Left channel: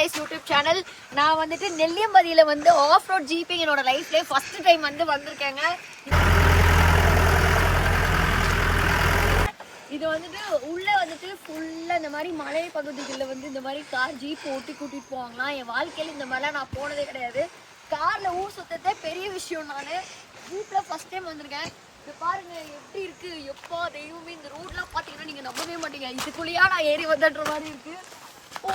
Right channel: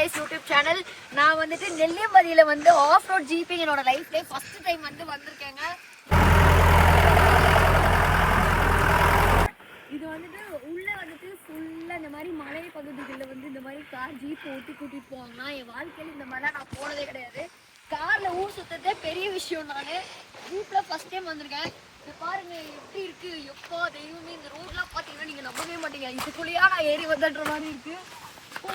Life YouTube channel. நான் வந்துட்டு நெல்லியம்பதியில வந்து ஆஃப் ரோட் ஜீப்பிங் என்னோட லைஃப்ல ஃபர்ஸ்ட் டைம் வந்து வந்திருக்கேங்க. இது வந்துட்டு உள்ள வந்துட்டு ஃபுல்லா இந்த மாதிரி மலை பகுதிகளில் வந்து இந்த மாதிரி கார் ஜீப் ஓட்டி கூட்டிட்டு போவாங்களாம். என் வாழ்க்கையில் இந்த மாதிரிலாம் நான் போனதே கிடையாது. கார்ல ஊர் சுத்ததே பெரிய விஷயம். நான் ஜீப்ல ஃபர்ஸ்ட் டைம் வந்திருக்கேன். இது பாருங்க எப்படி இருக்கு. எப்பா தெய்வமே, இந்த ரோட்லாம் பார்த்தீங்கன்னா நீங்க நம்பவே மாட்டீங்க. இதுக்குள்ளேயா நான் ஏறி வந்துடுற மாதிரி இருக்கு. ஓ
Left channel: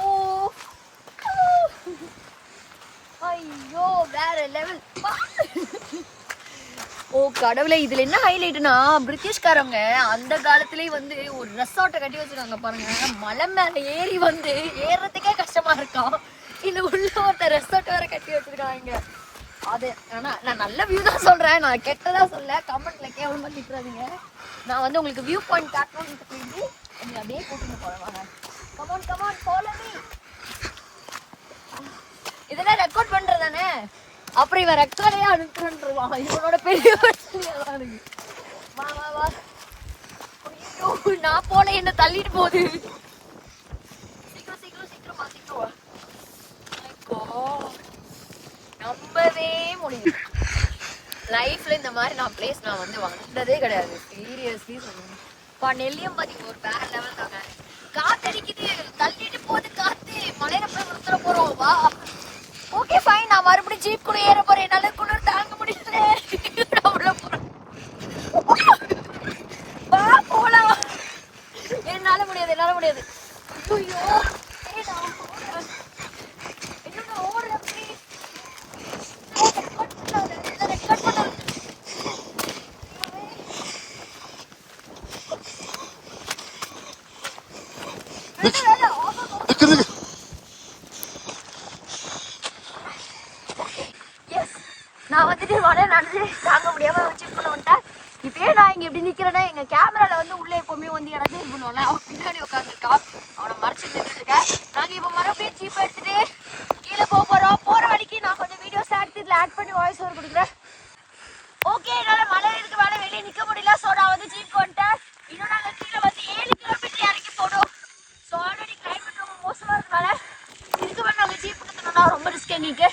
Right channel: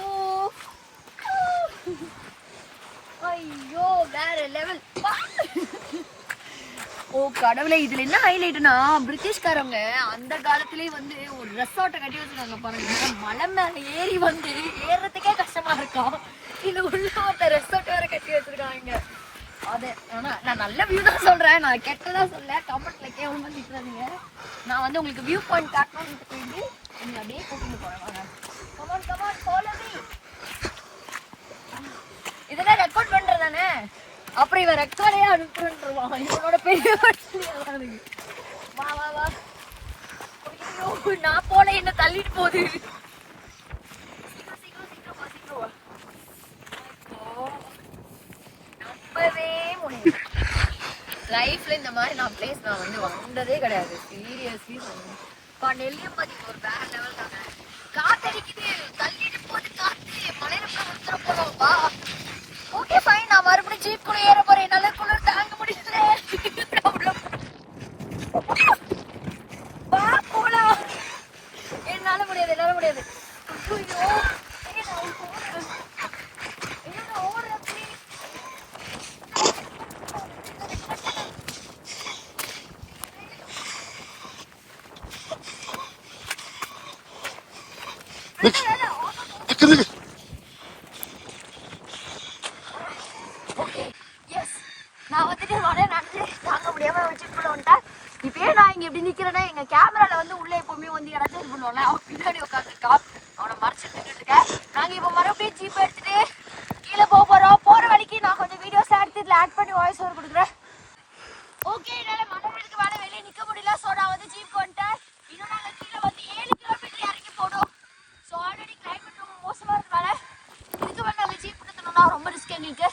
ஐயோ வேற லெவல். ஓ கடவுளே, இதுல என்ன ஹைலைட்னா பிரிட்டிஷ்காரங்க அந்த காலத்திலேயே வந்து ஒரு ரெசார்ட்டை கட்டி வச்சிருக்காங்க பாருங்க. மலை மேல ஏறி வந்து ஏறதுக்கே கஷ்டமா இருக்கும். இல்ல உள்ள ஒருத்த ரெசார்ட் வேற கட்டி வச்சிருக்காங்க. அது ஆனா நான் நல்ல வியூ தான் சொல்றேன், நான் கெட்டதா சொல்ல. கமெண்ட்ல கேவலமா திட்டுறாதீங்க. நான் வந்து உங்களுக்கு வியூ பாயிண்ட் காட்டணும்னு போயிட்டு நீங்க அப்படியே கூட்டிட்டு போறேன். Come on come on follow me. இதெல்லாம் ரெக்கார்ட் பண்றதானே, அப்புறம் இவன் ரெக்கார்டையே அனுப்புறேன்றான். இவனோட பெரிய வா வா வா. ஐயோ நான் போல என்ன தள்ளிட்டு போகுது. சீக்கிரம் சீக்கிரம் சீக்கிரம் வா சீக்கிரம் வா. நம்பவே முடியும். லைஃப்ல இந்த மாதிரி நான் பிளேஸ் நான் வந்து வந்ததே கிடையாது. சீரியஸ்லி சொல்லுங்க. நெல்லியம்பதி ஒரு வேற லெவல் தாங்க. காத்தடிக்குது, தள்ளிட்டு போகுது காத்து. மலையில போய் உத்தர போறோம். வா ஓகே ஃபைன். நான் மறுபடியும் ஜீப் கூட ஏற போறேன். என்னால குளிர் தாங்க முடியல. வா போலாம். என்னால முடியாது, என்னால முடியாது. ஐயோ என்ன ஓடுற ப்ளீஸ். நான் வந்துட்டு வர நடந்து தாங்க முடியாம ஜீப்ல வந்துட்டேன். இப்பயே நான் இங்க எப்படி நிக்கிறேன்னா, எங்க கேமரால வந்து உள்ள எப்பவுமே வந்து யாராவது இது பண்ணுவோம்ல, அவன் பின்னாடி உட்காந்துருக்கா. அவனை மறைச்சு நின்றுட்டு இருக்கேன். நாங்க இப்ப மறுபடியும் ஜீப் எடுத்துட்டு கீழே போறோம். போற வரைக்கும் நான் கொஞ்சம் வீடியோஸ் எடுத்து இதுல ஆட் பண்ணி வாய்ஸ் ஓவர் கொடுக்குறேன். ஓகே, என்னால மலையில இருக்க வேலை வெளியே நிக்க முடியல. ஸோ நான் வந்து ஜீப் வந்துட்டேன். இன்னும் நாங்க கீழே வந்து 7 கிலோமீட்டர் இறங்கி போனோம். ஸோ ஆல்ரெடி கிளைமேட் ரொம்ப மோசமா இருக்கனால இதுக்கு வந்து நாங்க ஜீப் எடுத்துனோம்னா ரொம்ப ரிஸ்க் எங்களுக்கு.